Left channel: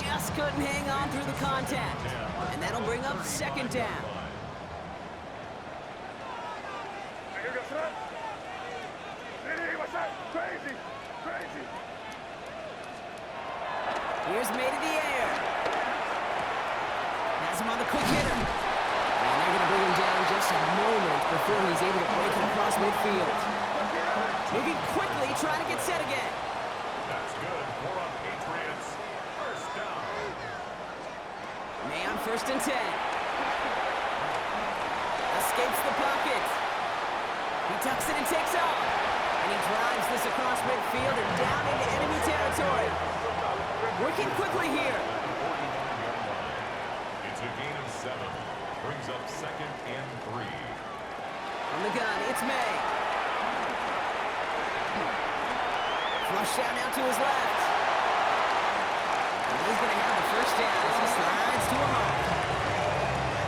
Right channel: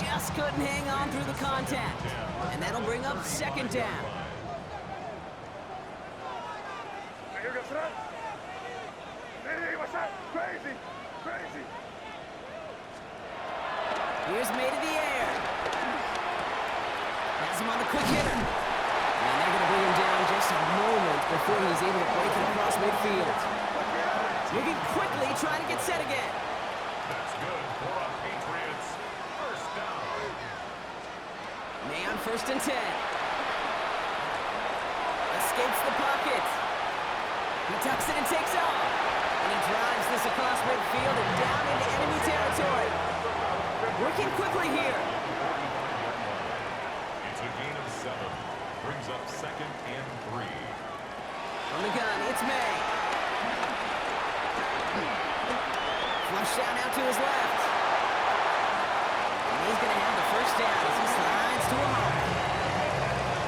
just couldn't hang on through the contact. And that'll bring up second down. Crazy, crazy. Here's made in the air. Has him on the quick hitter. And they're going to bring him down just a moment before he's able to break it across midfield. Moving quickly, trying to get set again. That's good for a Patriots first down. May on 1st and 10. Escapes the pocket. He tucks it and takes off. And he drives this across midfield and down into enemy territory. Working quickly here. It's a gain of 7. Brings up 2nd and 3. On the gun, it's May. Flush down out to his left. And he's going to have the first down as he slides to a halt.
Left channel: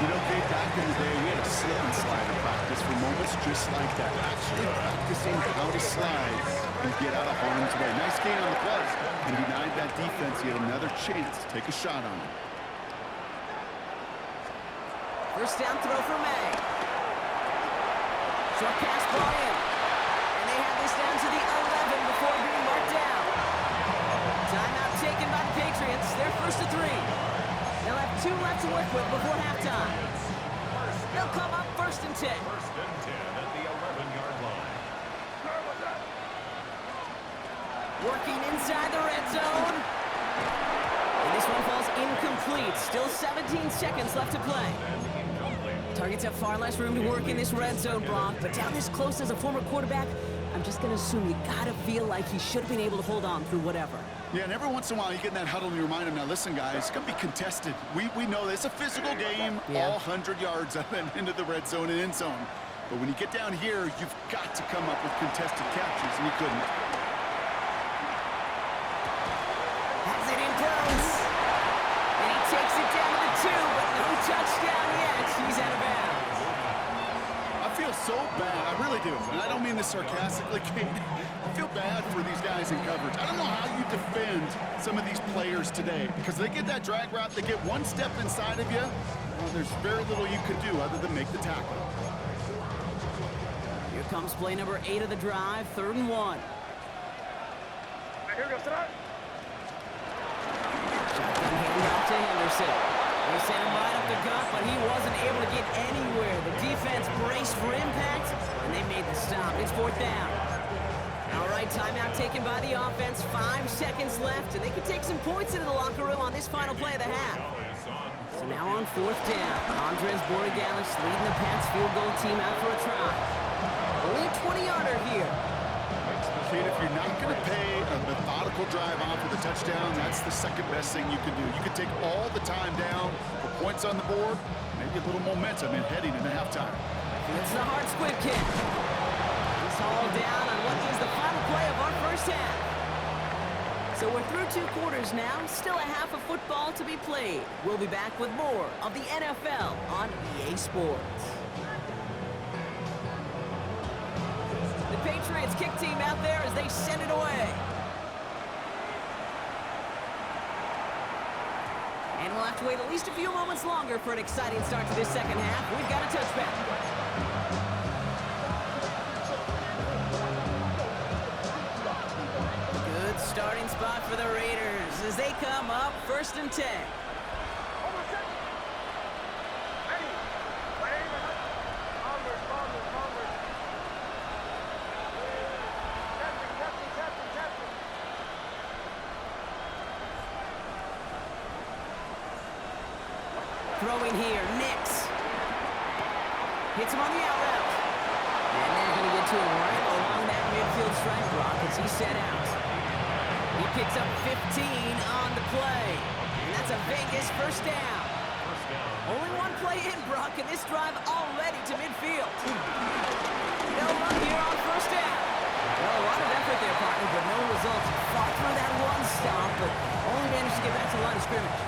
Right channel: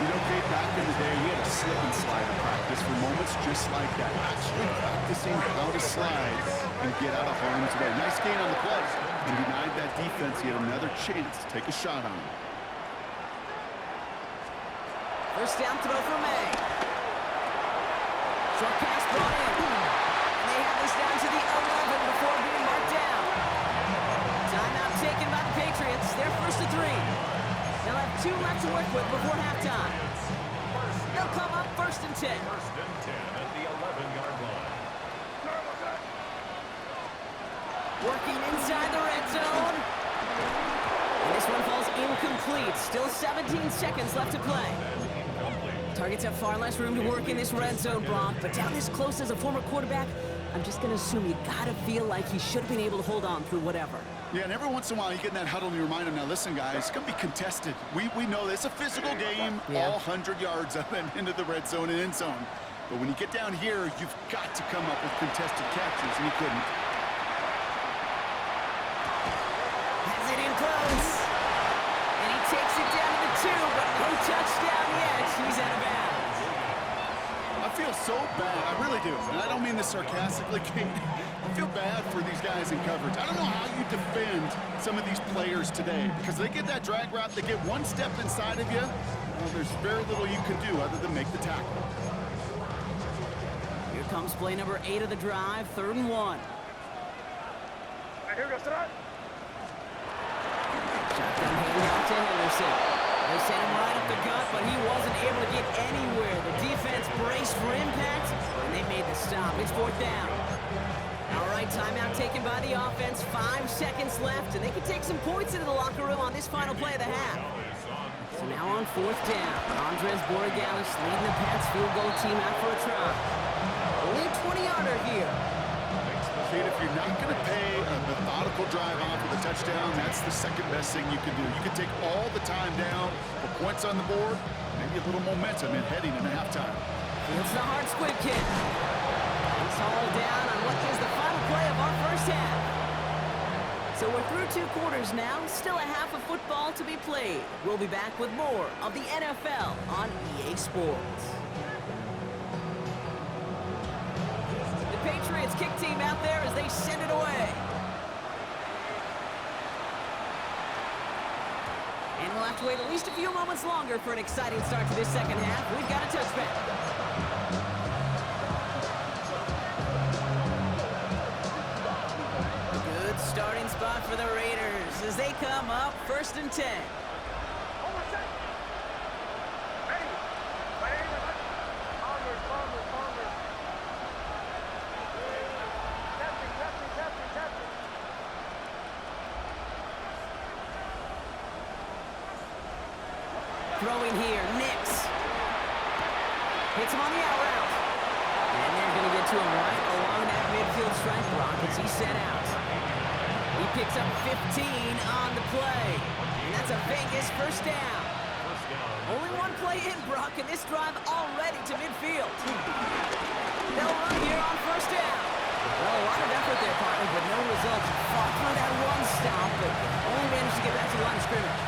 You know, Kate, back in the day, we had a slip and slide in practice for moments just like that. Actually practicing how to slide and get out of harm's way. Nice gain on the play. And denied that defense yet another chance to take a shot on him. First down throw for May. Short pass brought in. And they have this down to the 11 before being marked down. Timeout taken by the Patriots. They're 1st and 3. They'll have 2 left to work with before halftime. They'll come up 1st and 10. 1st and 10 at the 11-yard line. Working inside the red zone. And this one falls incomplete. Still 17 seconds left to play. Targets have far less room to work in this red zone, Brock. But down this close as a former quarterback, I'm just going to assume you got to feel like he should have been able to hold on through whatever. Yeah, and every once in a while you get in that huddle and you remind him, now listen, guys, it's going to be contested. We know this. It's a physical game, all 100 yards up and into the red zone and end zone. But when you get down here, you've got to come up with contested captures, and he couldn't. Has it in close. And he takes it down to the 2, but no touchdown yet. He's out of bounds. I feel so bad. I really do. And I don't mean this sarcastically, Kate. I feel bad for these guys in coverage. I don't know how you defend some of these players today because they get that drag route, they get one step inside of you. Well, there's very little you can do other than make the tackle. Here comes play number 8 of the drive, 3rd and 1. Here goes tonight. Shotgun handoff to Henderson. They sent him right up the gut, but he wasn't able to get anywhere. The defense braced for impact, and they made the stop. It's 4th down. All right, timeout taken by the offense. 5 seconds left, and they can take some points into the locker room on this final play of the half. So now on 4th down, Andres Borregalis leading the Pats field goal team out for a try. Only a 20-yarder here. Kate, if you're not going to pay a methodical drive off with a touchdown, that's the second best thing you can do. You can take all the time down, put points on the board, maybe a little momentum in heading into halftime. Fields the hard squib kick. He's hauled down on what is the final play of our first half. So we're through 2 quarters now, still a half of football to be played. We'll be back with more of the NFL on EA Sports. Patriots kick team out there as they send it away. And we'll have to wait at least a few moments longer for an exciting start to this second half. We've got a touchback. Good starting spot for the Raiders as they come up 1st and 10. Throwing here, Nix. Hits him on the out route. And they're going to get to him right along that midfield strike block as he set out. He picks up 15 on the play. And that's a Vegas first down. Only one play in, Brock, and this drive already to midfield. They'll run here on 1st down. Well, a lot of effort there, partner, but no results. Fought through that one stop, but only managed to get back to the line of scrimmage.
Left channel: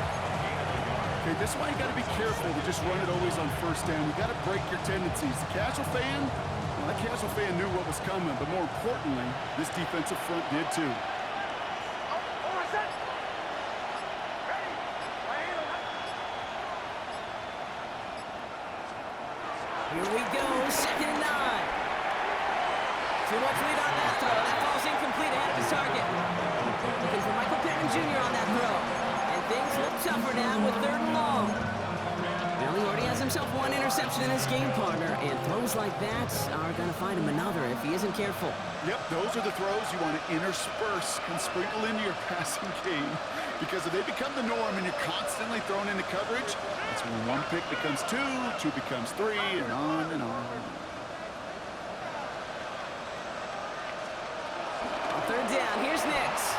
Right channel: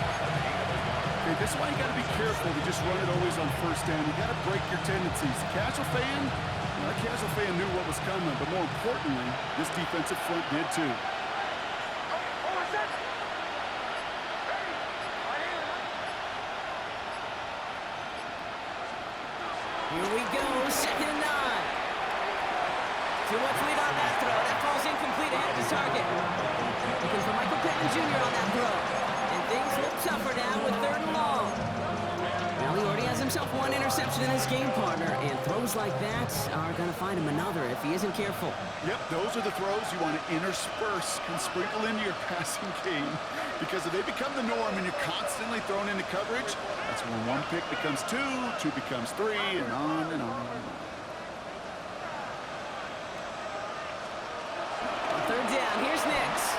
Okay, this is why you got to be careful to just run it always on 1st down. You got to break your tendencies. The casual fan, well, that casual fan knew what was coming, but more importantly, this defensive front did too. Oh, set. Ready. Here we go, 2nd and 9. Too much lead on that throw. That falls incomplete ahead of his target. Looking for Michael Pittman Jr. on that throw. And things look tougher now with 3rd and long. Well, he already has himself 1 interception in his game, partner, and throws like that are going to find him another if he isn't careful. Yep, those are the throws you want to intersperse and sprinkle into your passing game, because if they become the norm and you're constantly thrown into coverage, that's when 1 pick becomes 2, 2 becomes 3, and on and on. On 3rd down, here's Nix.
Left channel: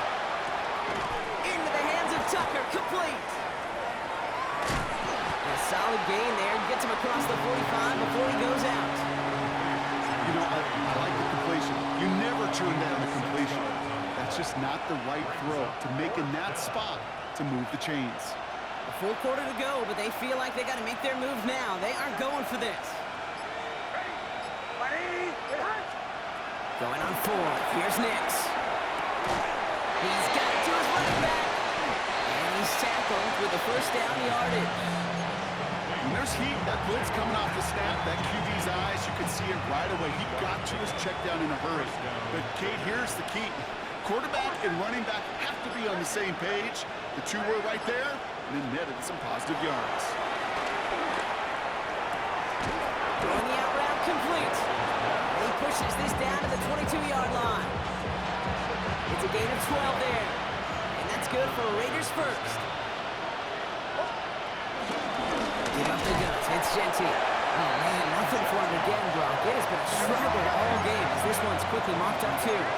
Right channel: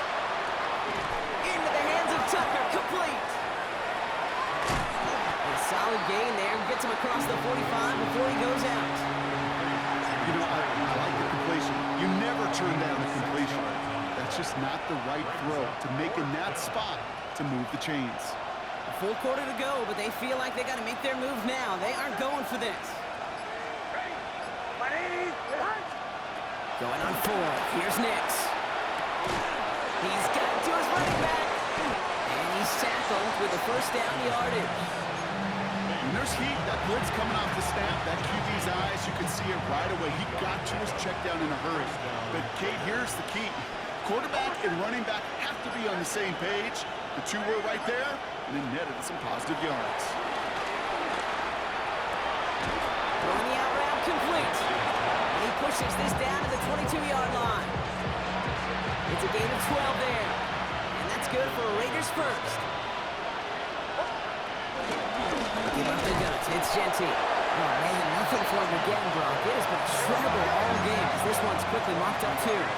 Into the hands of Tucker, complete. A solid gain there, gets him across the 45 before he goes out. You know, I like the completion. You never turn down the completion. That's just not the right throw to make in that spot to move the chains. A full quarter to go, but they feel like they got to make their move now. They aren't going for this. Going on 4th, here's Nix. He's got it to his running back. And he's tackled with the 1st down yardage. When there's heat, that blitz coming off the snap, that QB's eyes, you can see it right away. He got to his check down in a hurry. But, Kate, here's the key. Quarterback and running back have to be on the same page. The 2 were right there, and then netted some positive yards. Throwing the out route complete. And he pushes this down to the 22-yard line. It's a gain of 12 there. And that's good for Raiders first. Give up the guts. It's Genty. Oh, man, nothing for him again, Brock. It has been a struggle all game as this one's quickly mopped up, too. Brings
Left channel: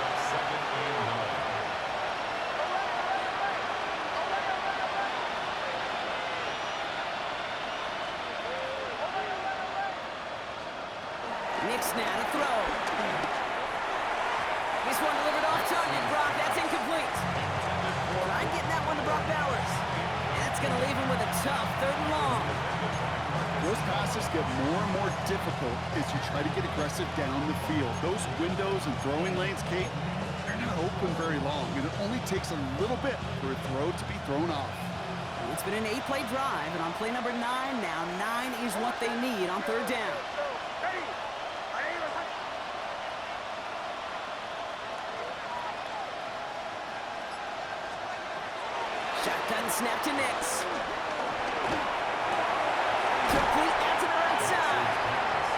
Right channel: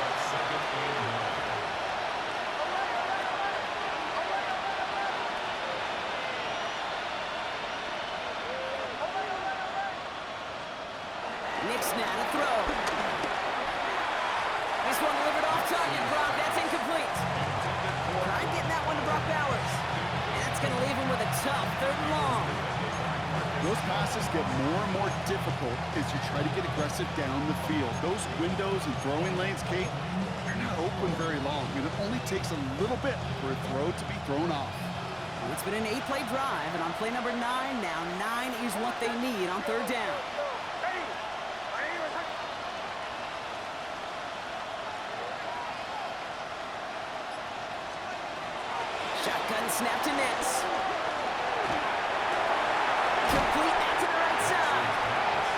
up 2nd and 9. Nix now to throw. This one delivered off target, Brock. That's incomplete. Trying getting that one to Brock Bowers. And that's going to leave him with a tough 3rd and long. Those passes get more and more difficult as you try to get aggressive down the field. Those windows and throwing lanes, Kate, they're not open very long, and it only takes a little bit for a throw to be thrown off. Well, it's been an 8-play drive, and on play number 9 now, 9 is what they need on 3rd down. Shotgun snap to Nix. Complete out to the right side.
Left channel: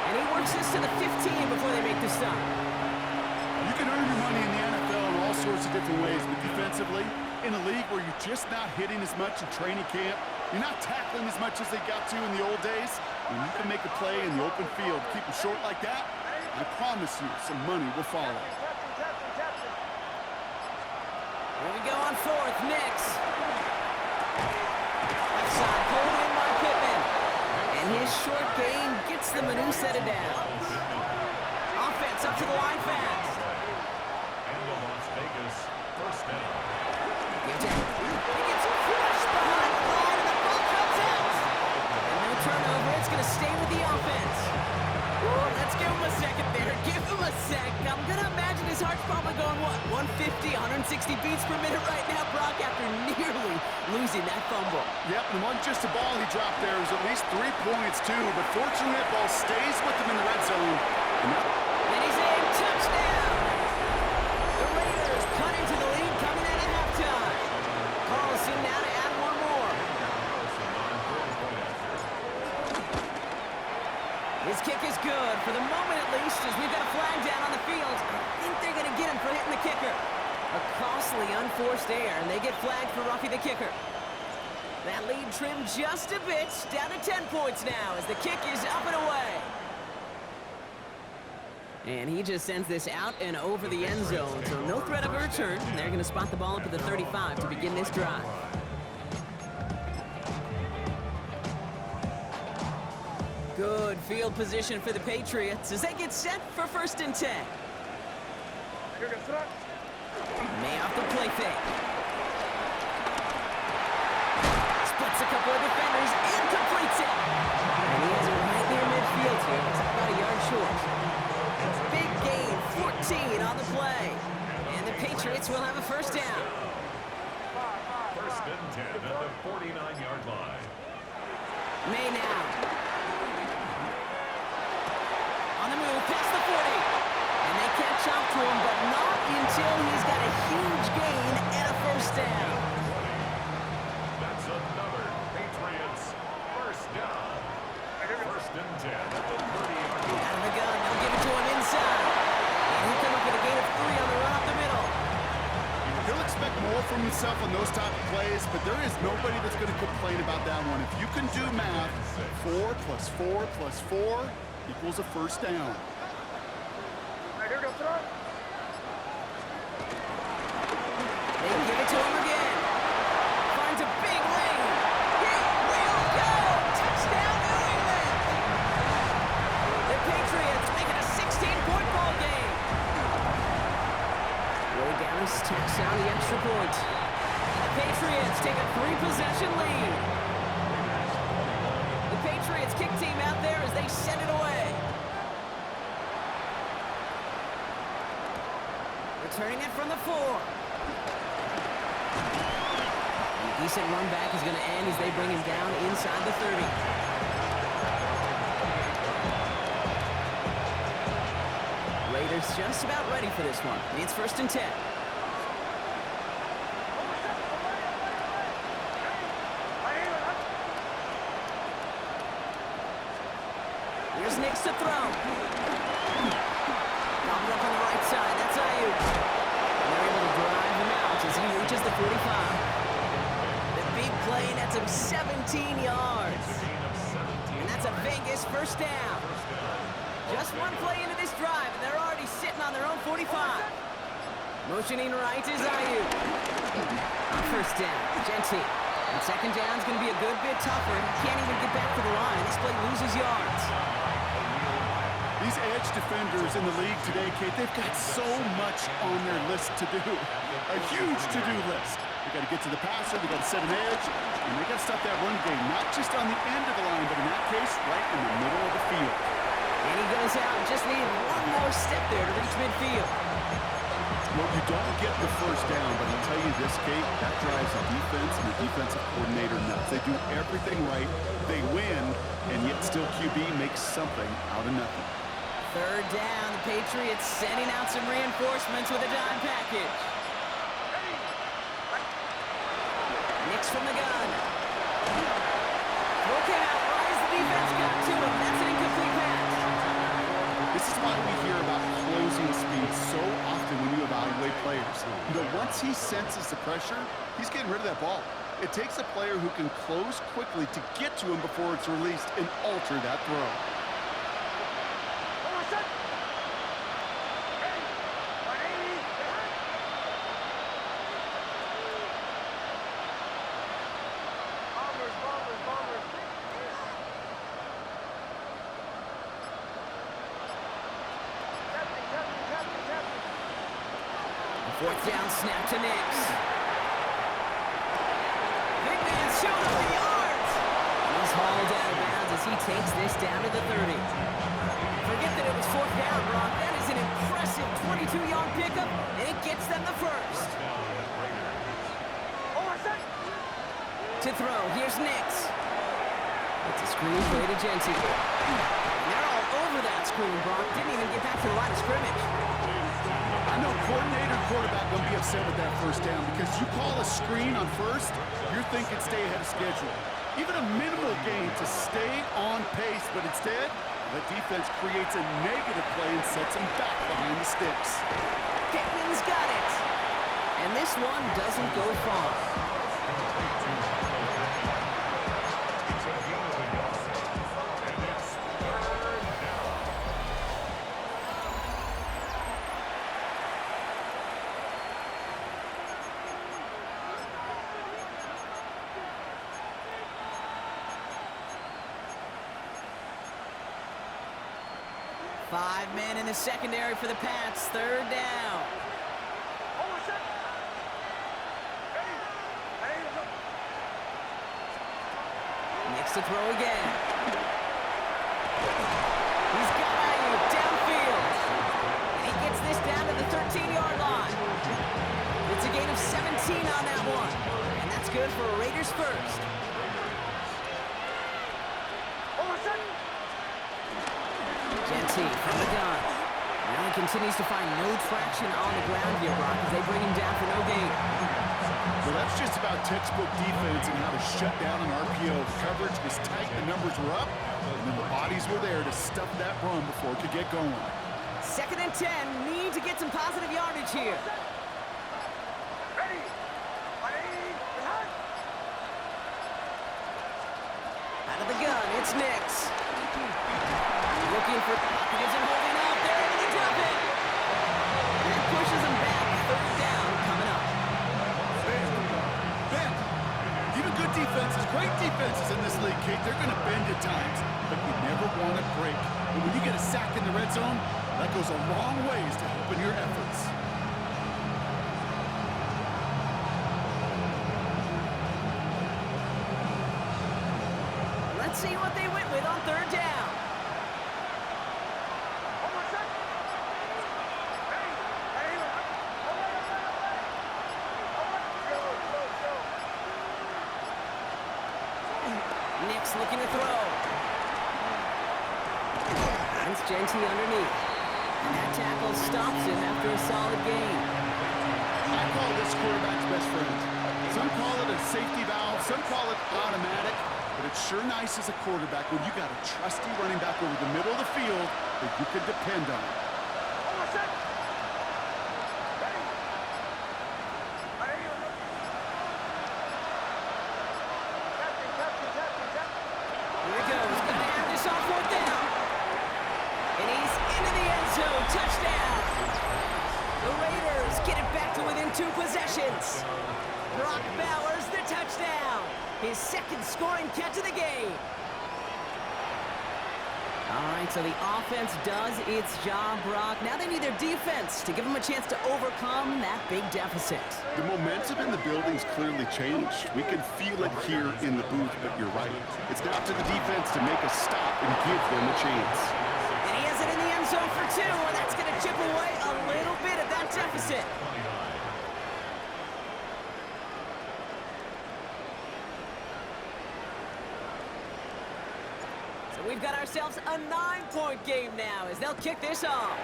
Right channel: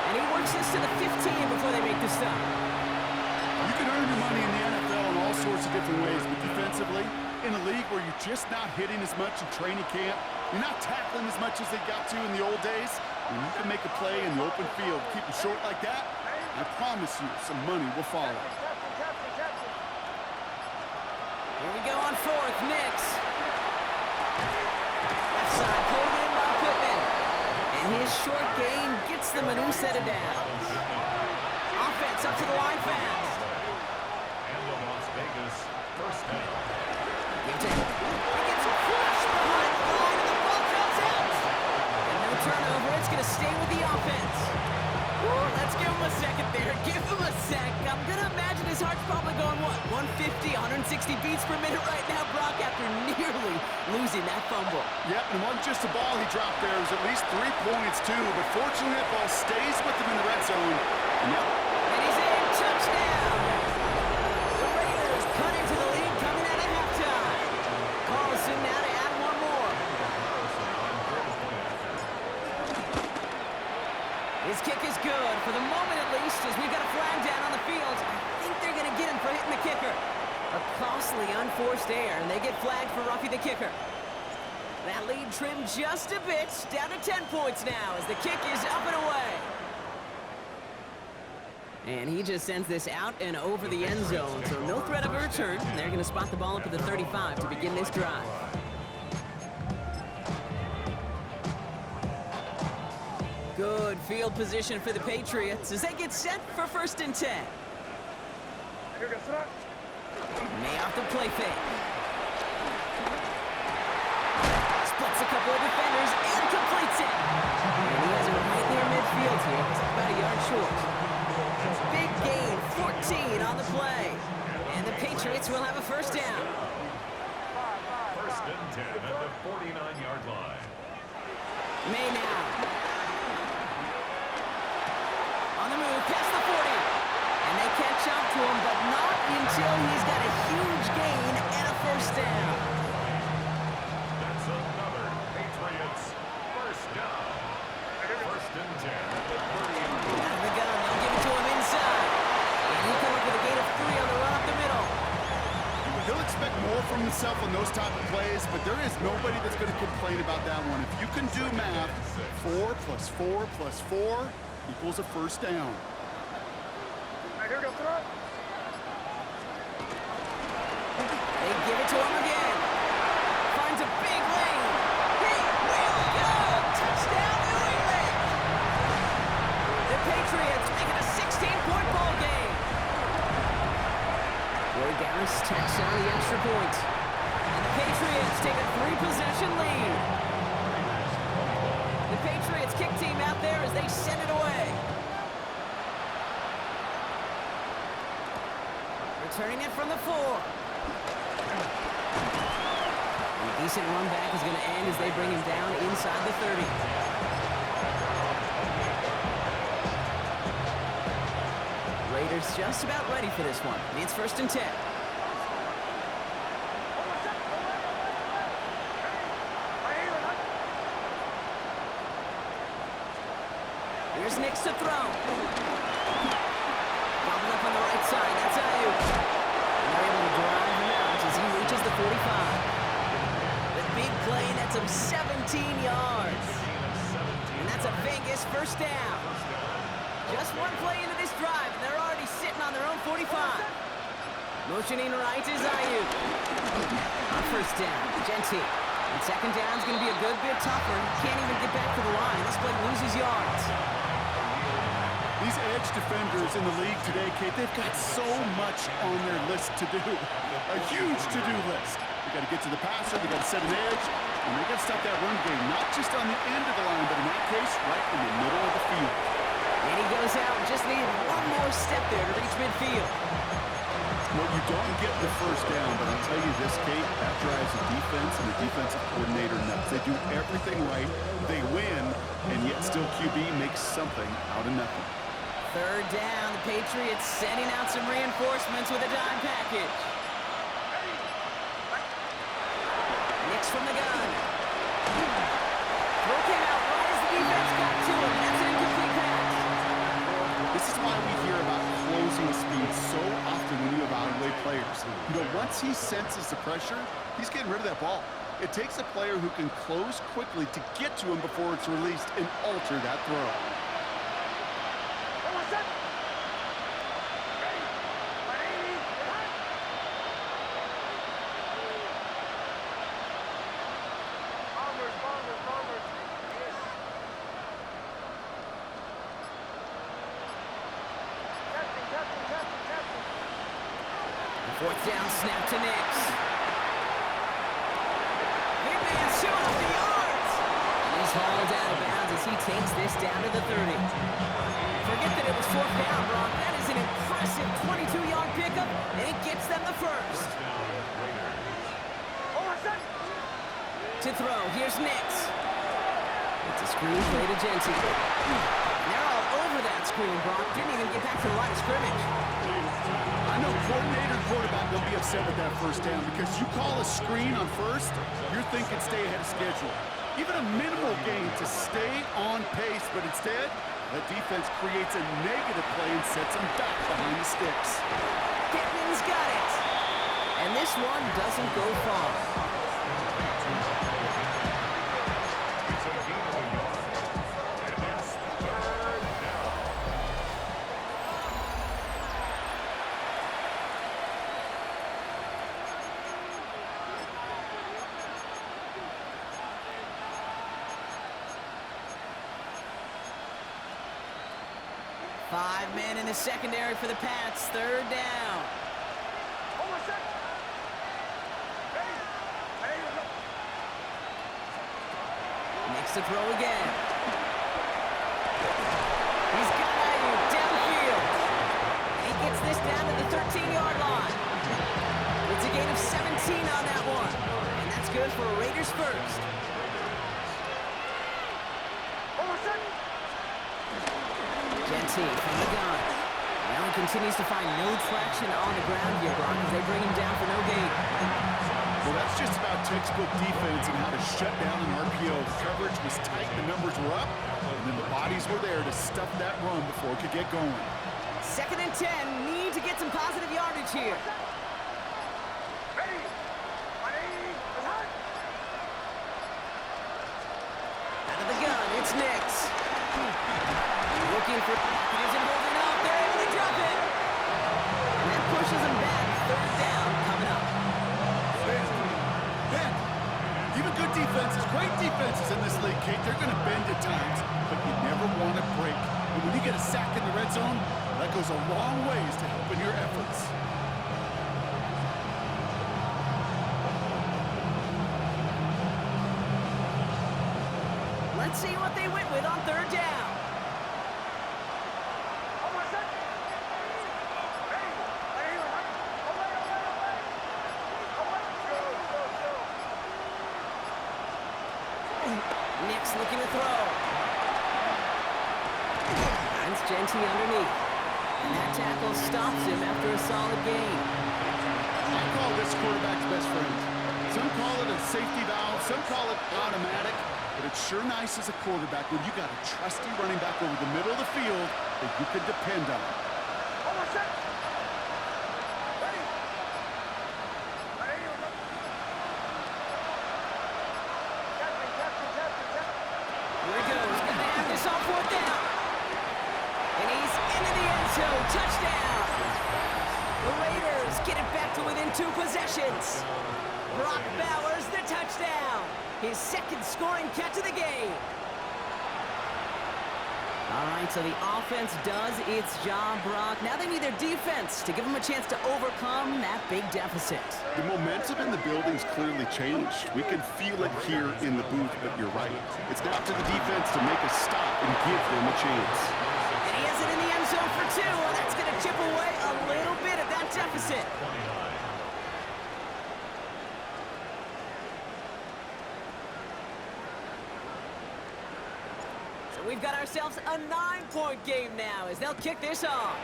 And he works this to the 15 before they make the stop. You can earn your money in the NFL in all sorts of different ways, but defensively, in a league where you're just not hitting as much in training camp, you're not tackling as much as they got to in the old days, when you can make a play in the open field, keep them short like that, I promise you some money will follow. Here we go on 4th, Nix. Left side pulled in by Pittman. And his short gain gets them a new set of downs. Offense up to the line fast. And the Las Vegas 1st down. He gets crushed behind the line and the ball comes out. And no turnover, it's going to stay with the offense. Woo, let's give him a second there. Give him a sec. I'm going to imagine his heart's probably going, what, 150, 160 beats per minute right now, Brock, after nearly losing that fumble. Yep, and it wasn't just a ball he dropped there. It was at least 3 points, too. But fortunately, that ball stays with him in the red zone. And he's in. Touchdown. The Raiders cut into the lead coming out of halftime. Carlson now to add 1 more. His kick is good, for the moment at least, as we've got a flag down on the field. I think they're going to get him for hitting the kicker. A costly unforced error, and they get flagged for roughing the kicker. That lead trimmed just a bit, down to 10 points now as the kick is up and away. And he just sends this out and over the end zone, so no threat of a return. They're going to spot the ball up at the 35 to begin this drive. Good field position for the Patriots as they get set for 1st and 10. May off the play fake. Splits a couple of defenders and completes it. And he has it right near midfield here. It's about a yard short. Big gain, 14 on the play. And the Patriots will have a 1st down. 1st and 10 at the 49-yard line. May now. On the move, past the 40. And they can't jump to him, but not until he's got a huge gain and a first down. That's another Patriots first down. First and 10 at the 30-yard line. Out of the gun, they'll give it to him inside. And he'll come up with a gain of 3 on the run up the middle. He'll expect more from himself on those type of plays, but there is nobody that's going to complain about that one. If you can do math, 4 plus 4 plus 4 equals a first down. Here we go, throw it. They give it to him again. Finds a big lane. He will go. Touchdown, New England. The Patriots make it a 16-point ball game. Roy Dallas tacks down the extra point. And the Patriots take a 3-possession lead. The Patriots kick team out there as they send it away. Returning it from the 4. And a decent run back is going to end as they bring him down inside the 30. Raiders just about ready for this one. It's first and 10. Here's Nix to throw. Bobbled up on the right side. That's Ayuk. And they're able to drive him out as he reaches the 45. The big play nets him 17 yards. And that's a Vegas first down. Just one play into this drive, and they're already sitting on their own 45. Motioning right is Ayuk. On first down, Genty. And second down's going to be a good bit tougher. He can't even get back to the line. This play loses yards. These edge defenders in the league today, Kate, they've got so much on their list to do. A huge to-do list. They got to get to the passer, they got to set an edge, and they got to stop that run game, not just on the end of the line, but in that case, right in the middle of the field. And he goes out, just needed one more step there to reach midfield. Well, you don't get the first down, but I'll tell you this, Kate, that drives the defense and the defensive coordinator nuts. They do everything right, they win, and yet still QB makes something out of nothing. Third down, the Patriots sending out some reinforcements with a dime package. Nix from the gun. Throw came out right as the defense got to him. That's an incomplete pass. This is why we hear about closing speed so often when you evaluate players. You know, once he senses the pressure, he's getting rid of that ball. It takes a player who can close quickly to get to him before it's released and alter that throw. Fourth down, snap to Nix. Big man showing up the yards. And he's hauled out of bounds as he takes this down to the 30. Forget that it was fourth down, Brock. That is an impressive 22-yard pickup, and it gets them the first. To throw, here's Nix. It's a screen play to Genty. They're all over that screen, Brock. Didn't even get back to the line of scrimmage. I know coordinator and quarterback going to be upset with that first down because you call a screen on first, you're thinking stay ahead of schedule. Even a minimal gain to stay on pace, but instead, the defense creates a negative play and sets them back behind the sticks. Pittman's got it. And this one doesn't go far. It's a gain of a yard. And it's third down. Five men in the secondary for the Pats. Third down. Nix to throw again. He's got Ayuk downfield. And he gets this down to the 13-yard line. It's a gain of 17 on that one. And that's good for a Raiders first. Genty from the gun. Well, he continues to find no traction on the ground here, Brock, as they bring him down for no gain. Well, that's just about textbook defense and how to shut down an RPO. The coverage was tight, the numbers were up, and then the bodies were there to stuff that run before it could get going. 2nd and 10. Need to get some positive yardage here. Out of the gun, it's Nix. Looking for pocket isn't holding up. They're able to drop it. And that pushes them back. 3rd down coming up. Bend. Even good defenses, great defenses in this league, Kate, they're going to bend at times, but you never want to break. And when you get a sack in the red zone, that goes a long ways to helping your efforts. Let's see what they went with on 3rd down. Nix looking to throw. Finds Genty underneath. And that tackle stops him after a solid gain. I call this quarterback's best friend. Some call it a safety valve, some call it automatic, but it's sure nice as a quarterback when you got a trusty running back over the middle of the field that you can depend on. Here he goes. Gonna have this on 4th down. And he's into the end zone. Touchdown. The Raiders get it back to within 2 possessions. Brock Bowers, the touchdown. His 2nd scoring catch of the game. All right, so the offense does its job, Brock. Now they need their defense to give them a chance to overcome that big deficit. The momentum in the building's clearly changed. We can feel it here in the booth, but you're right. It's now to the defense to make a stop and give them a chance. And he has it in the end zone for 2, and that's going to chip away a little bit of that deficit. So we've got ourselves a 9-point game now as they'll kick this off.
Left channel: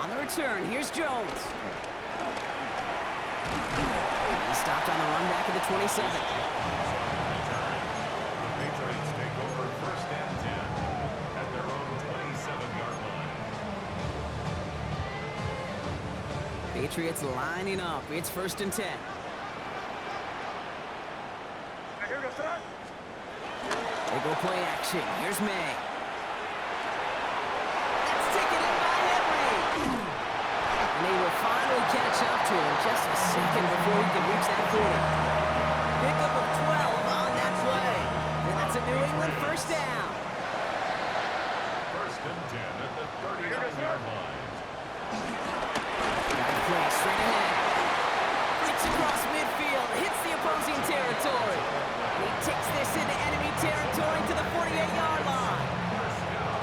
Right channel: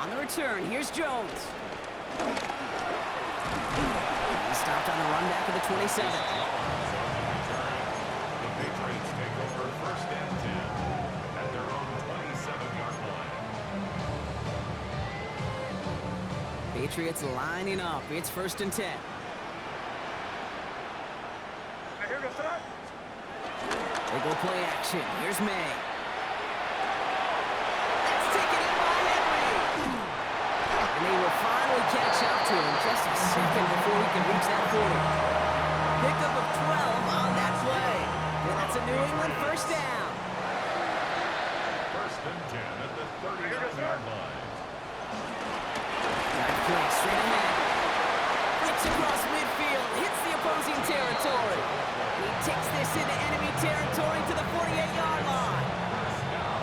On the return, here's Jones. He's stopped on the run back at the 27. The Patriots take over 1st and 10 at their own 27-yard line. Patriots lining up. It's 1st and 10. They go play action. Here's May. That's taken in by Henry. And they will finally catch up to him just a second before he can reach that 40. Pickup of 12 on that play. And that's a New England 1st down. 1st and 10 at the 39-yard line. Got play straight ahead. Flicks across midfield. Hits the opposing territory. He takes this into enemy territory to the 48-yard line.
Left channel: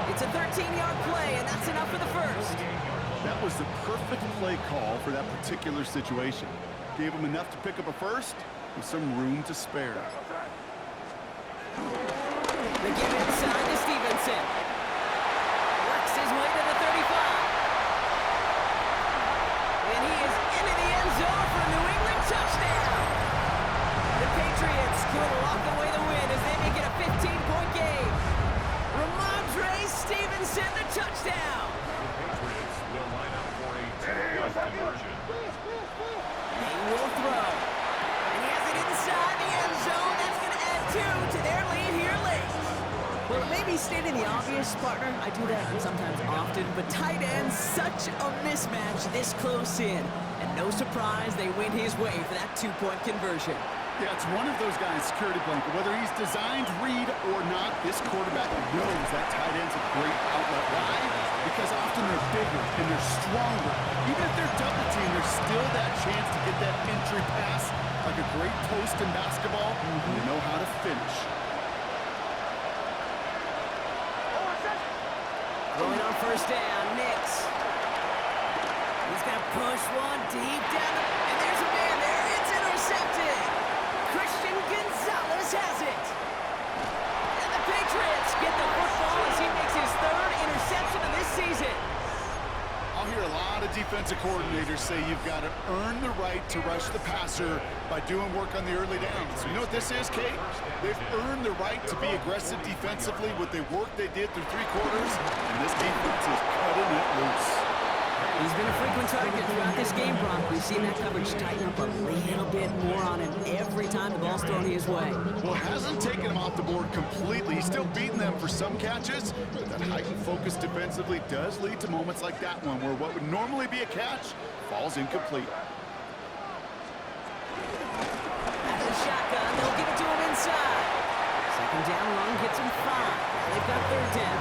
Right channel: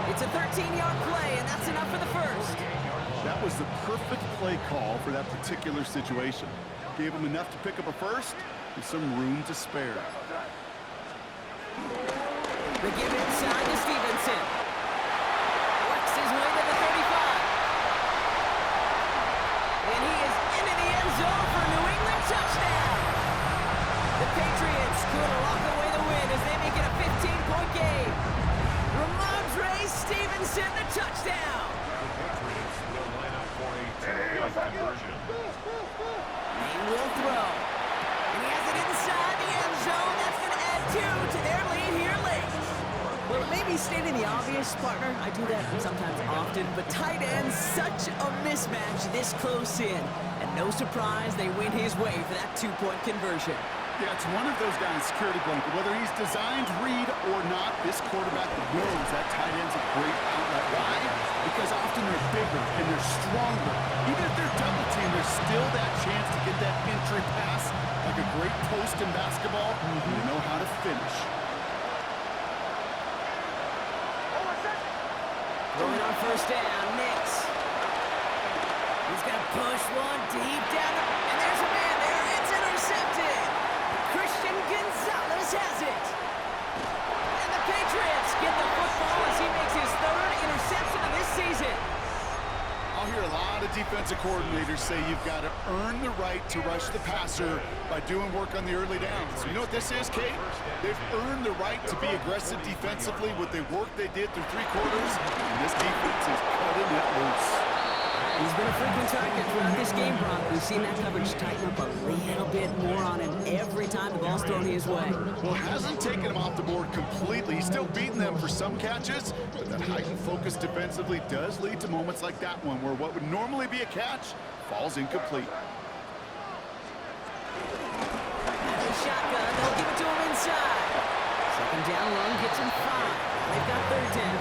It's a 13-yard play, and that's enough for the 1st. That was the perfect play call for that particular situation. Gave him enough to pick up a 1st with some room to spare. They give inside to Stevenson. Works his way to the 35. And he is into the end zone for a New England touchdown. The Patriots could lock away the win as they make it a 15-point game. Ramondre Stevenson, the touchdown. The Patriots will line up for a 2-point conversion. They will throw. And he has it inside the end zone. That's going to add 2 to their lead here late. Well, it may be stating the obvious, partner. I do that sometimes often. But tight end, such a mismatch this close in. And no surprise, they win his way for that 2-point conversion. Yeah, it's one of those guys, security blanket. Whether he's designed read or not, this quarterback knows that tight end's a great outlet. Why? Because often they're bigger and they're stronger. Even if they're double teamed, there's still that chance to get that entry pass, like a great post in basketball, and they know how to finish. Going on 1st down, Nix. He's going to push one deep down, and there's a man there. It's intercepted. Christian Gonzalez has it. And the Patriots get the football as he makes his third interception of this season. I'll hear a lot of defensive coordinators say you've got to earn the right to rush the passer by doing work on the early downs. You know what this is, Kate? They've earned the right to be aggressive defensively with the work they did through 3 quarters, and this defense is cutting it loose. He's been a frequent target throughout this game, Brock. We've seen that coverage tighten up a little bit more on him every time the ball's thrown his way. Well, it hasn't taken him off the board completely. He's still beating them for some catches, but that heightened focus defensively does lead to moments like that one where what would normally be a catch falls incomplete. Out of the shotgun, they'll give it to him inside. Second down run gets him 5. Now they've got third down.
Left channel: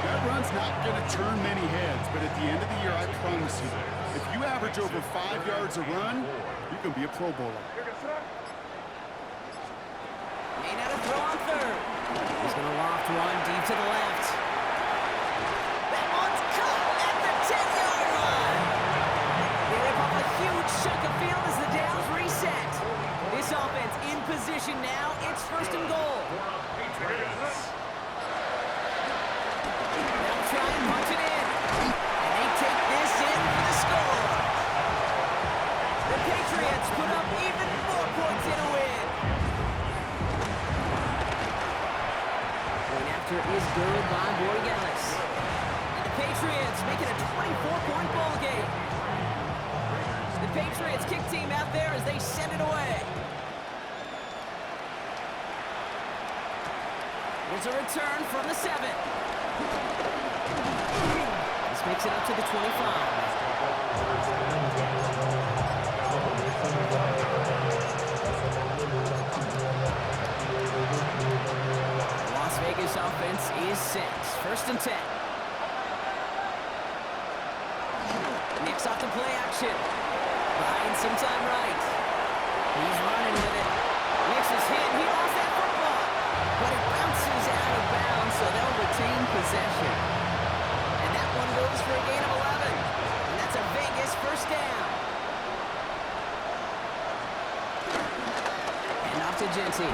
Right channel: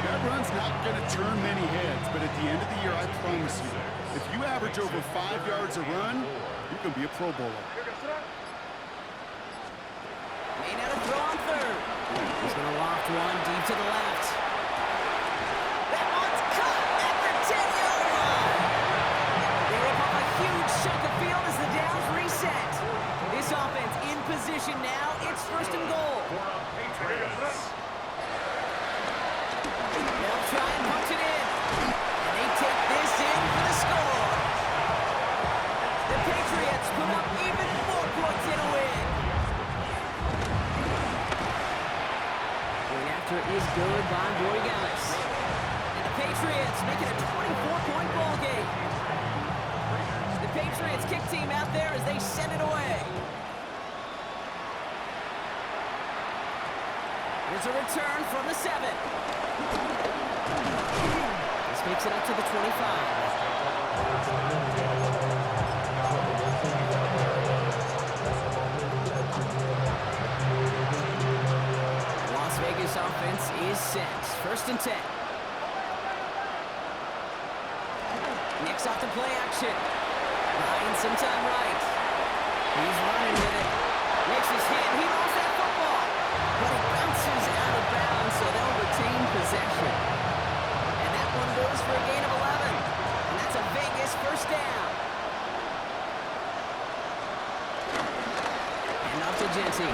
That run's not going to turn many heads, but at the end of the year, I promise you, if you average over 5 yards a run, you can be a Pro Bowler. Made out a throw on third. He's going to loft one deep to the left. That one's caught at the 10-yard line. They rip off a huge chunk of field as the downs reset. This offense in position now. It's first and goal. For a Patriots. They'll try and punch it in. And they take this in for the score. The Patriots put up even more points in a win. Point after is good by Borregales. And the Patriots make it a 24-point ball game. The Patriots kick team out there as they send it away. There's a return from the 7. This makes it up to the 25. The Las Vegas offense is set. First and 10. Nick's off the play action. Buying some time right. He's running with it. Nick's is hit. He lost that football. But it bounces out of bounds, so they'll retain possession. And that one goes for a gain of 11. And that's a Vegas first down. And off to Genty.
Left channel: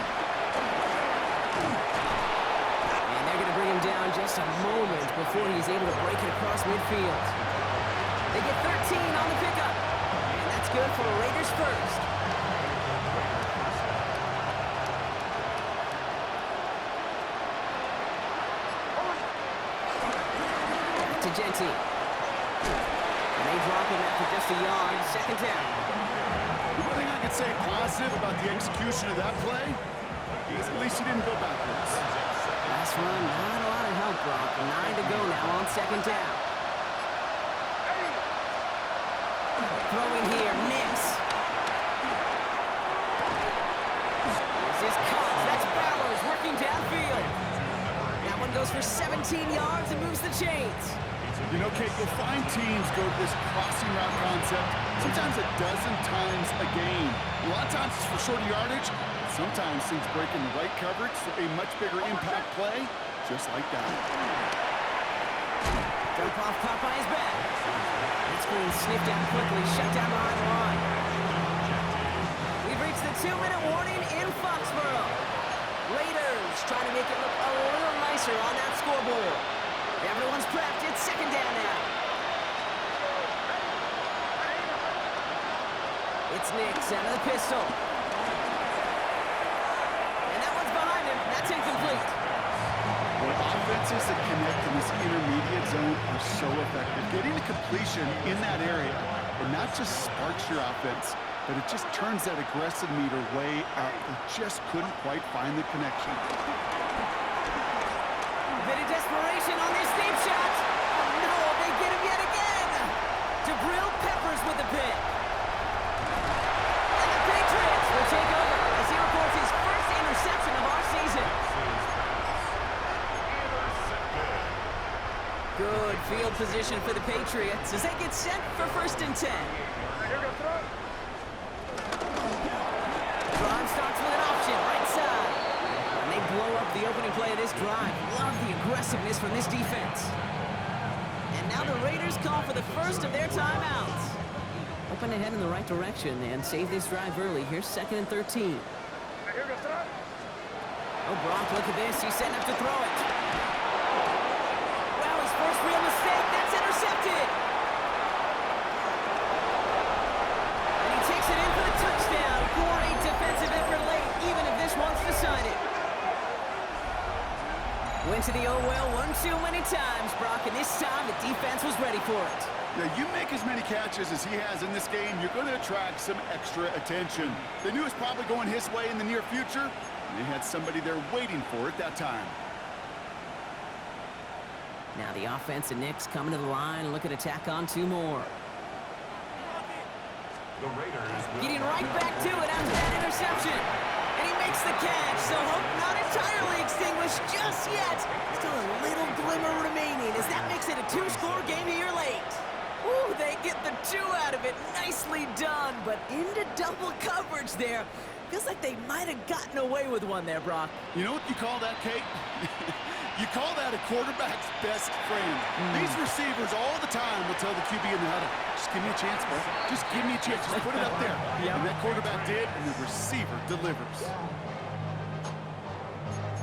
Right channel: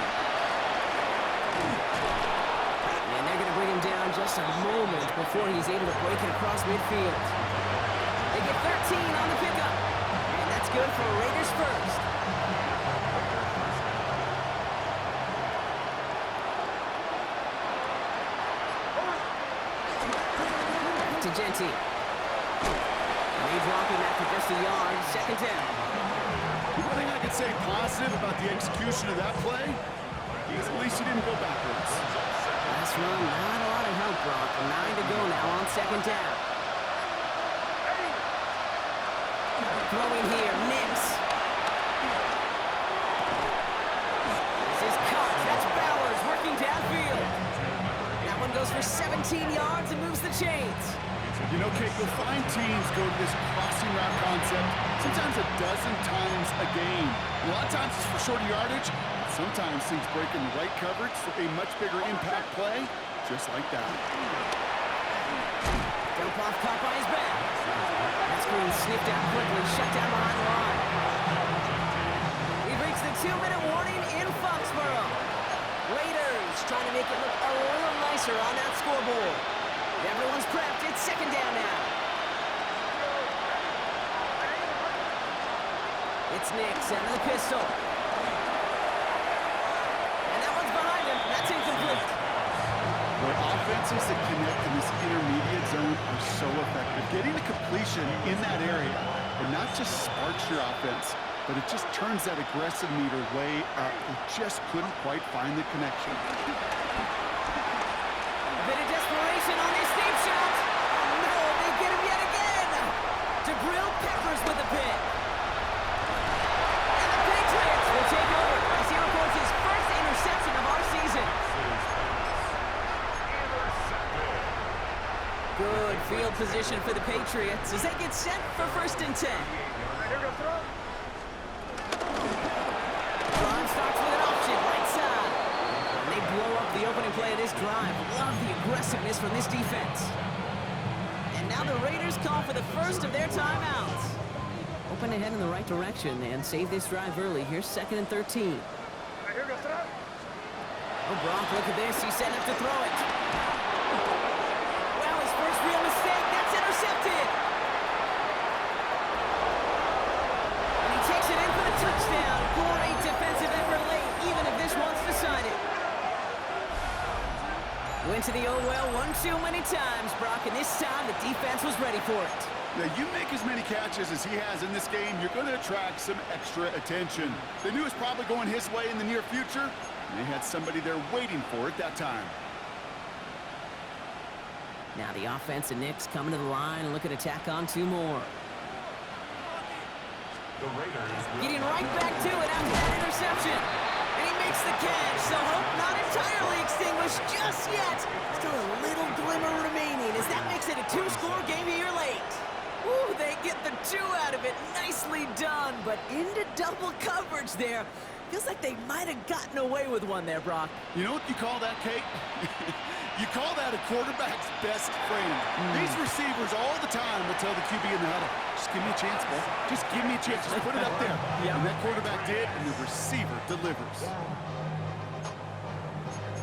And they're going to bring him down just a moment before he's able to break it across midfield. They get 13 on the pickup. And that's good for Raiders first. To Genty. And they drop him after just a yard. Second down. One thing I could say positive about the execution of that play is at least he didn't go backwards. Last run, not a lot of help, Brock. 9 to go now on second down. Throwing here, Nix. This is Cox. That's Bowers working downfield. That one goes for 17 yards and moves the chains. You know, Kate, you'll find teams go to this crossing route concept sometimes a dozen times a game. A lot of times it's for shorter yardage. Sometimes things break in the right coverage for a much bigger impact play, just like that. Dump off caught by his back. That screen sniffed out quickly, shut down behind the line. We've reached the 2-minute warning in Foxborough. Raiders trying to make it look a little nicer on that scoreboard. Everyone's prepped. It's second down now. It's Nix out of the pistol. And that one's behind him. That's incomplete. Boy, offenses that connect in this intermediate zone are so effective. Getting a completion in that area, it not just sparks your offense, but it just turns that aggressive meter way up. They just couldn't quite find the connection. A bit of desperation on this deep shot. Oh no, they get him yet again. Jabril Peppers with the pick. And the Patriots will take over as he records his first interception of our season. Good field position for the Patriots as they get set for first and 10. Drive starts with an option, right side. And they blow up the opening play of this drive. Love the aggressiveness from this defense. And now the Raiders call for the first of their timeouts. hoping to head in the right direction and save this drive early. Here's 2nd and 13. Here goes throw. Oh, Brock, look at this. He's setting up to throw it. Wow, his first real mistake. That's intercepted. And he takes it in for the touchdown. Great defensive effort late, even if this one's decided. Went to the oh-well one too many times, Brock, and this time the defense was ready for it. Now, you make as many catches as he has in this game, you're going to attract some extra attention. They knew it was probably going his way in the near future, and they had somebody there waiting for it that time. Now the offense and Knicks coming to the line and looking to tack on 2 more. The Raiders Getting right back to it after that interception. And he makes the catch, so hope not entirely extinguished just yet. Still a little glimmer remaining as that makes it a 2-score game here late. Ooh, they get the 2 out of it. Nicely done, but into double coverage there. Feels like they might have gotten away with one there, Brock. You know what you call that, Kate? You call that a quarterback's best friend. These receivers all the time will tell the QB in the huddle, just give me a chance, bro. Just give me a chance. Just put it up there. Yep. And that quarterback did, and the receiver delivers.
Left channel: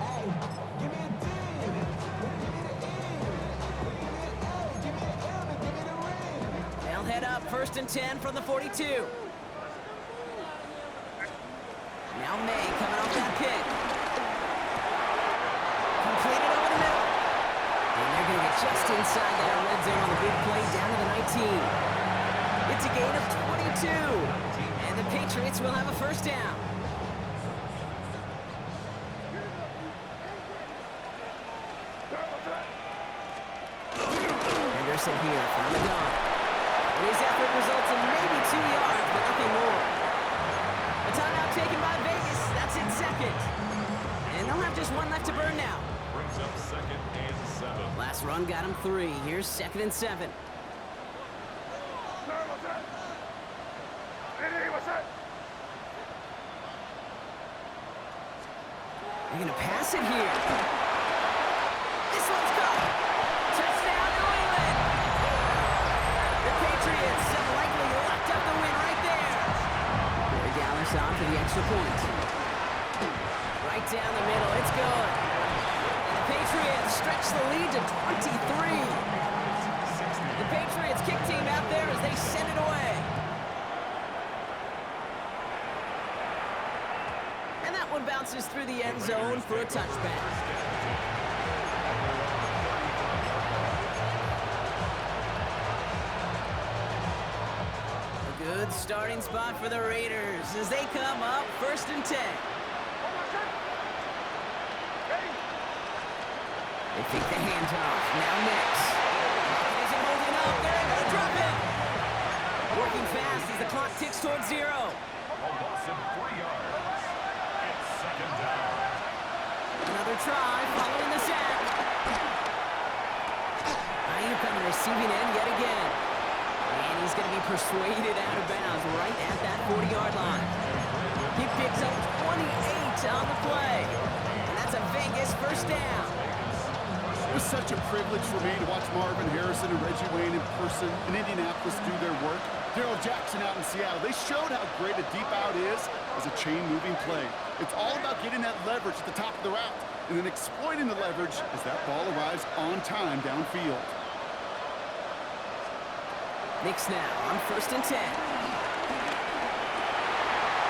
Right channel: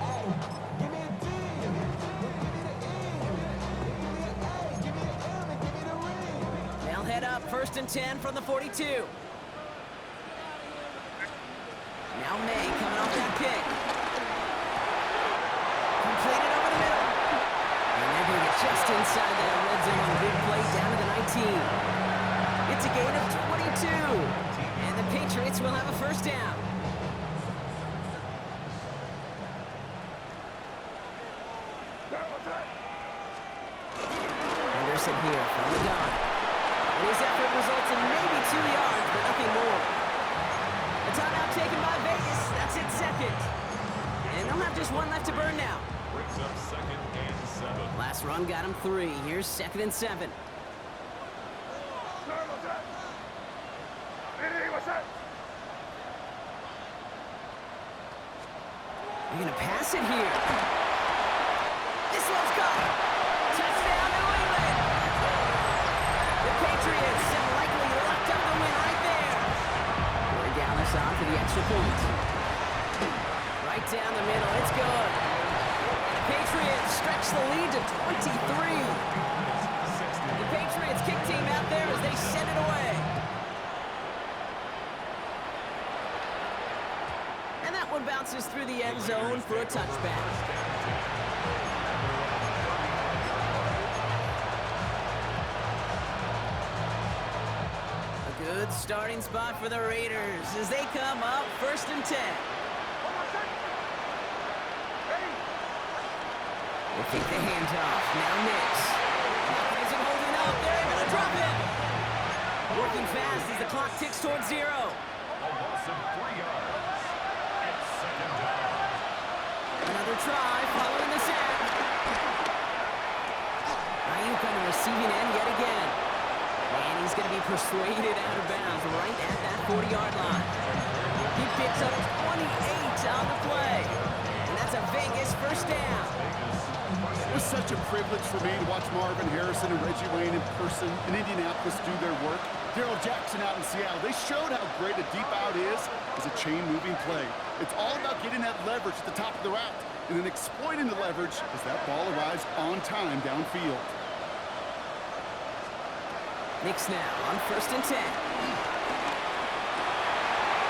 Hey, give me a D. Give me the E. Give me an A. Give me an M. And give me the ring. They'll head up 1st and 10 from the 42. Now May coming off that kick. Completed over the middle. And they're going to get just inside that red zone on the big play down to the 19. It's a gain of 22. And the Patriots will have a 1st down. Henderson here from the gun. And his effort results in maybe 2 yards, but nothing more. A timeout taken by Vegas. That's it, 2nd. And they'll have just 1 left to burn now. brings up 2nd and 7. Last run got him 3. Here's 2nd and 7. They're going to pass it here. This one's caught. Touchdown, New England. The Patriots have likely locked up the win right there. Corey Dallas on for the extra point. Right down the middle. It's good. And the Patriots stretch the lead to 23. The Patriots kick team out there as they send it away. And that one bounces through the end zone for a touchback. A good starting spot for the Raiders as they come up 1st and 10. They take the handoff. Now Knicks. Clock isn't holding up. They're able to drop it. Working fast as the clock ticks towards 0. A loss of 3 yards. It's 2nd down. Another try following the sack. Ayuk on the receiving end yet again. And he's going to be persuaded out of bounds right at that 40-yard line. He picks up 28 on the play. And that's a Vegas 1st down. It was such a privilege for me to watch Marvin Harrison and Reggie Wayne in person in Indianapolis do their work. Darrell Jackson out in Seattle. They showed how great a deep out is as a chain-moving play. It's all about getting that leverage at the top of the route and then exploiting the leverage as that ball arrives on time downfield. Knicks now on 1st and 10.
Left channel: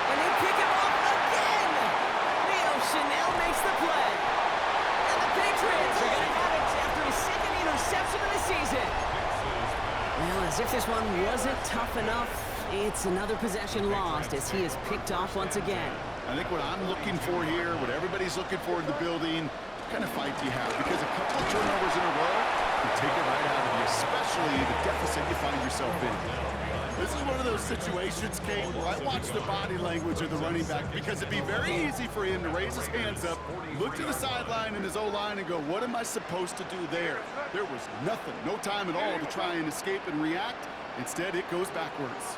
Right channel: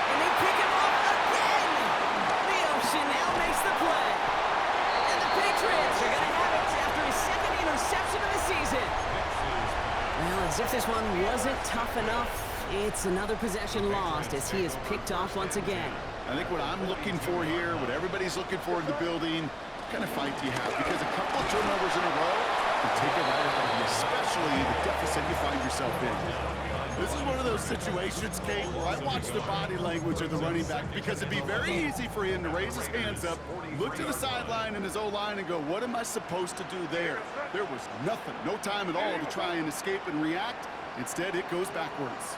And they pick him off again. Leo Chanel makes the play. And the Patriots are going to have it after his 2nd interception of the season. Well, as if this one wasn't tough enough, it's another possession lost as he is picked off once again. I think what I'm looking for here, what everybody's looking for in the building, what kind of fight do you have? Because a couple of turnovers in a row can take it right out of you, especially the deficit you find yourself in. This is one of those situations, Kate, where I watch the body language of the running back because it'd be very easy for him to raise his hands up, look to the sideline in his O-line and go, what am I supposed to do there? There was nothing, no time at all to try and escape and react. Instead, it goes backwards.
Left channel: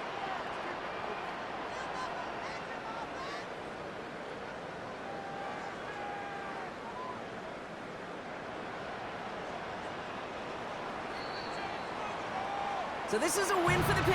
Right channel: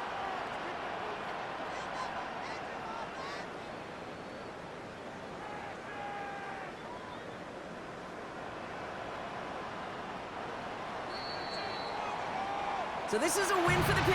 So this is a win for the Patriots.